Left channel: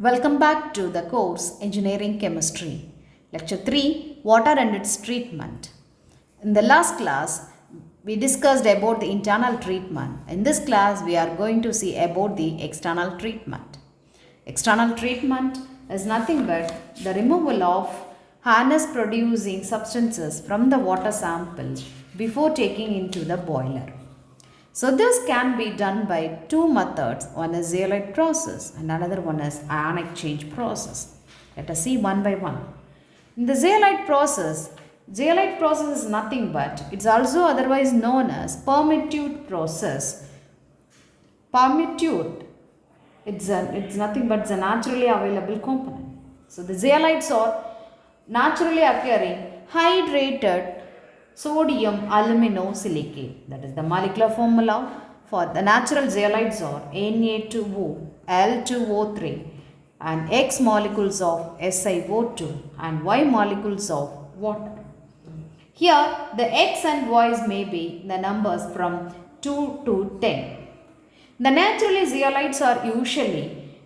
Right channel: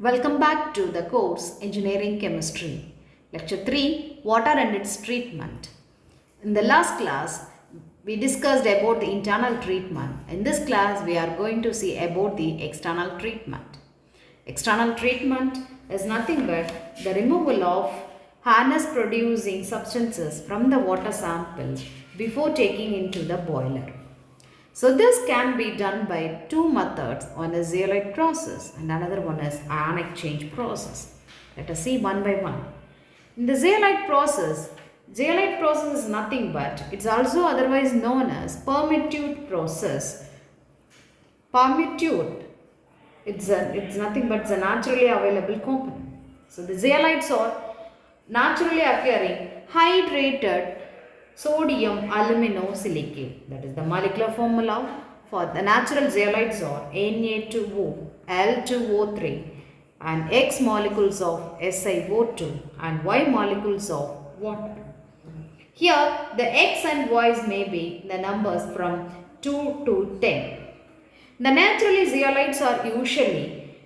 Welcome back to the course Engineering Chemistry. Lecture 3 Water and its Treatment. In the last class, we discussed about the internal treatment. In this class, we are going to see about the external treatment. External treatment is nothing but the removal of harness producing substances from the water sample before taking into the boiler. So this can be done by two methods. One is zeolite process and another one is ion exchange process. Let us see one by one. In the zeolite process is nothing but, it's also otherwise known as permutate process. Permutate, it's nothing but the naturally available component. So the zeolites are naturally occurring hydrated sodium aluminosilicate. That is the molecular formula for the natural zeolites are Na2O, L2O3 and X molecules of SiO2 and Y molecules of water. Here the X and Y's may be the numbers from 2 to 10. The naturally zeolites are usually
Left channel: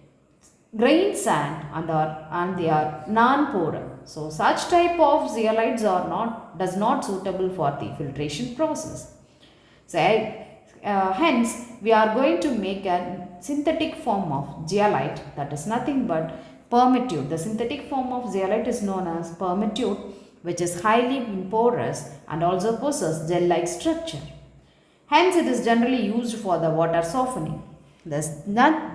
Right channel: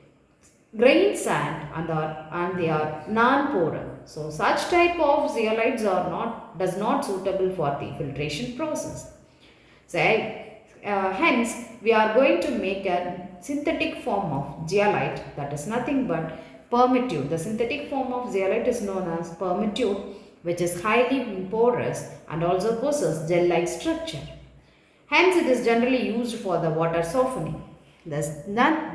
grain sand and they are non-porous. So such type of zeolites does not suitable for the filtration process. So hence we are going to make a synthetic form of zeolite, that is nothing but permutate. The synthetic form of zeolite is known as permutate, which is highly porous and also possesses gel-like structure. Hence it is generally used for the water softening. The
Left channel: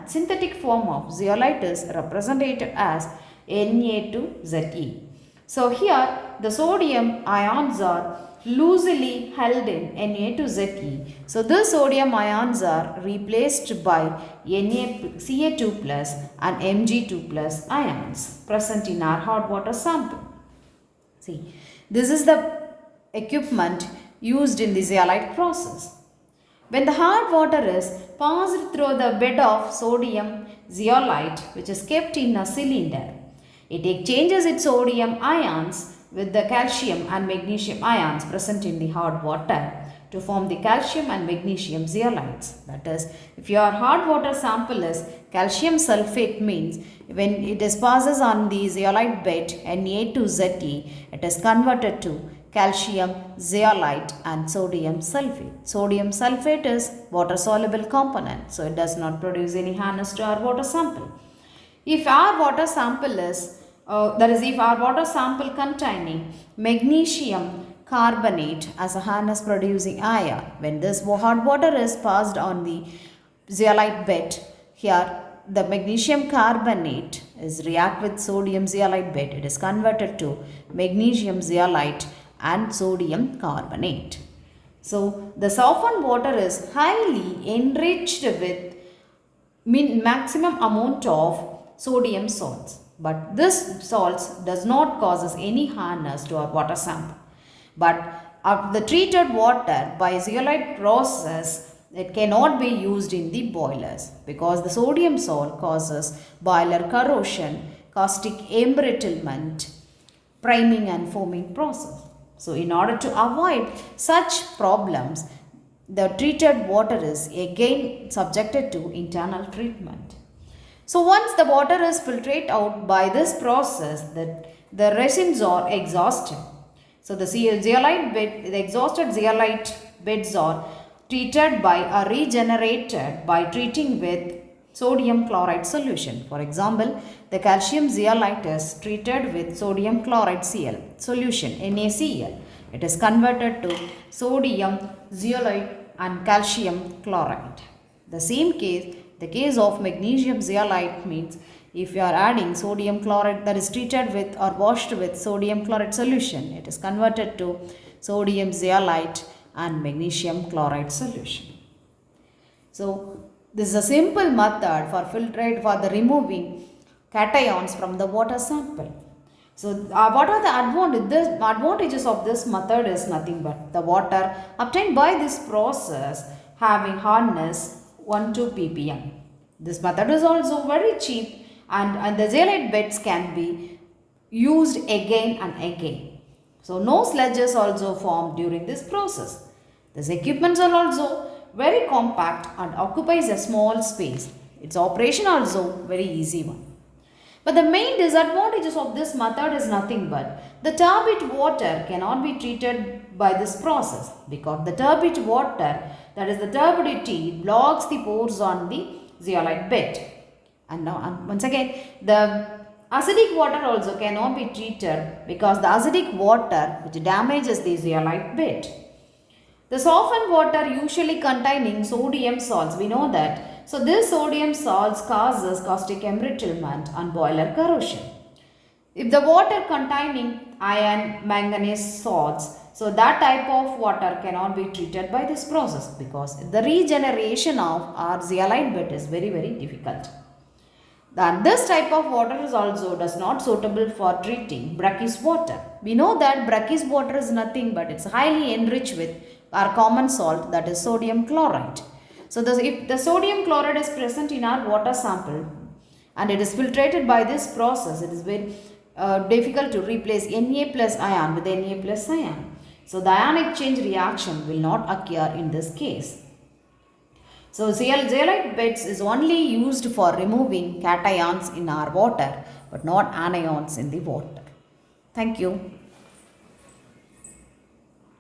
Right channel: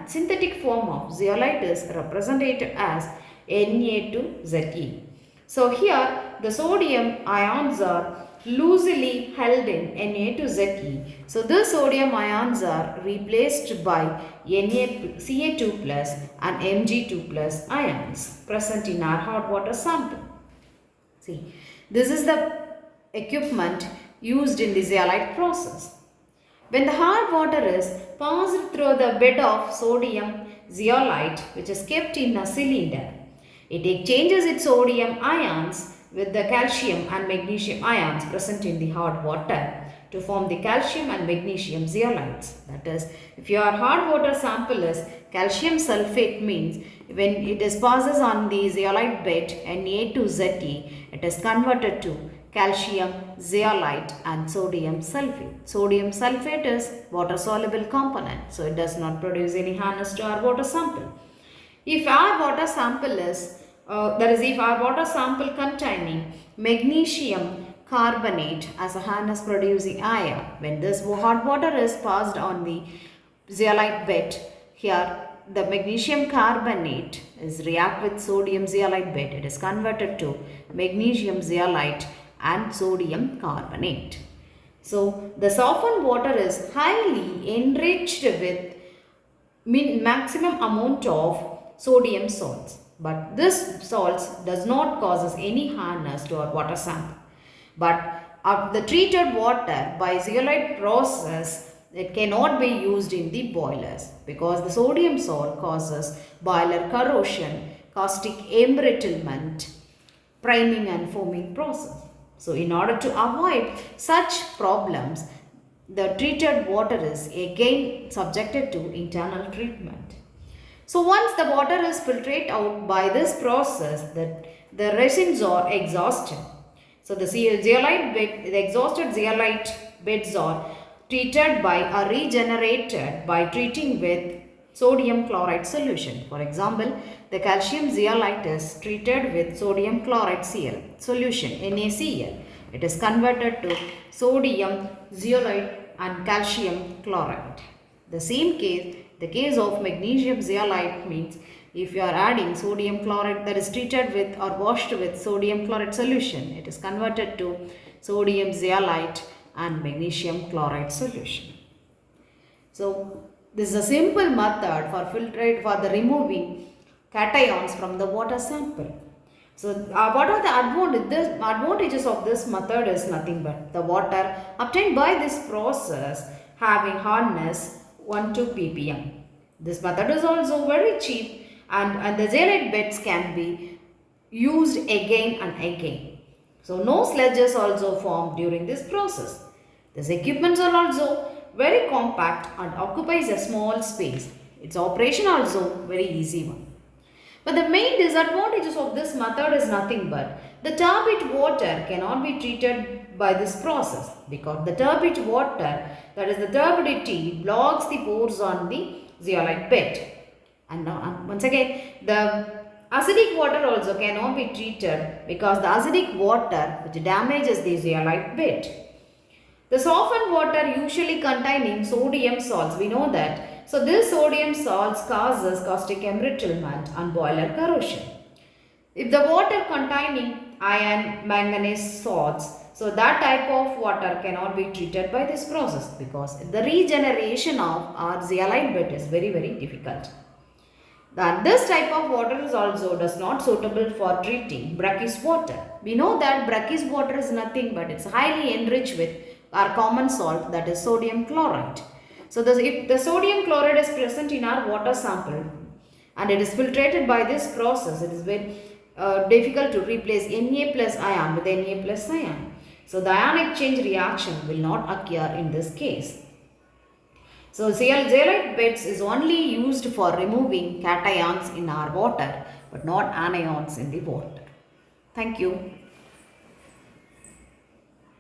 synthetic form of zeolite is represented as Na2Ze. So here the sodium ions are loosely held in Na2Ze. So the sodium ions are replaced by Ca2 plus and Mg2 plus ions present in our hot water sample. See, this is the equipment used in the zeolite process. When the hot water is passed through the bed of sodium zeolite, which is kept in a cylinder, it exchanges its sodium ions with the calcium and magnesium ions present in the hot water to form the calcium and magnesium zeolites. That is, if your hot water sample is calcium sulfate, means when it is passes on the zeolite bed Na2Ze, it is converted to calcium zeolite and sodium sulfate. Sodium sulfate is water soluble component, so it does not produce any harness to our water sample. If our water sample is if our water sample containing magnesium carbonate as a harness producing ion, when this hot water is passed on the zeolite bed, here the magnesium carbonate is react with sodium zeolite bed. It is converted to magnesium zeolite and sodium carbonate. So the softened water is highly enriched with maximum amount of sodium salts. But this salts does not cause any harmness to our water sample. But the treated water by zeolite process, it cannot be used in the boilers because the sodium salt causes boiler corrosion, caustic embrittlement, priming and foaming process. So in order to avoid such problems, the treated water is again subjected to internal treatment. So once the water is filtered out by this process, the resins are exhausted. So the exhausted zeolite beds are treated by or regenerated by treating with sodium chloride solution. For example, the calcium zeolite is treated with sodium chloride Cl solution NaCl. It is converted to sodium zeolite and calcium chloride. The case of magnesium zeolite means if you are adding sodium chloride that is treated with or washed with sodium chloride solution, it is converted to sodium zeolite and magnesium chloride solution. So this is a simple method for the removing cations from the water sample. So what are the advantages of this method is nothing but the water obtained by this process having hardness 1 to ppm. This method is also very cheap and the zeolite beds can be used again and again. So no sludges also form during this process. These equipments are also very compact and occupies a small space. Its operation also very easy one. But the main disadvantages of this method is nothing but the turbid water cannot be treated by this process because the turbid water, that is the turbidity, blocks the pores on the zeolite bed. And now once again, the acidic water also cannot be treated because the acidic water which damages the zeolite bed. The softened water usually containing sodium salts, we know that. So this sodium salts causes caustic embrittlement and boiler corrosion. If the water containing iron, manganese salts, so that type of water cannot be treated by this process because the regeneration of our zeolite bed is very difficult. Then this type of water is also does not suitable for treating brackish water. We know that brackish water is nothing but it's highly enriched with our common salt, that is sodium chloride. So if the sodium chloride is present in our water sample and it is filtrated by this process, it is very difficult to replace Na plus ion with Na plus ion. So the ion exchange reaction will not occur in this case. So zeolite beds is only used for removing cations in our water but not anions in the water. Thank you.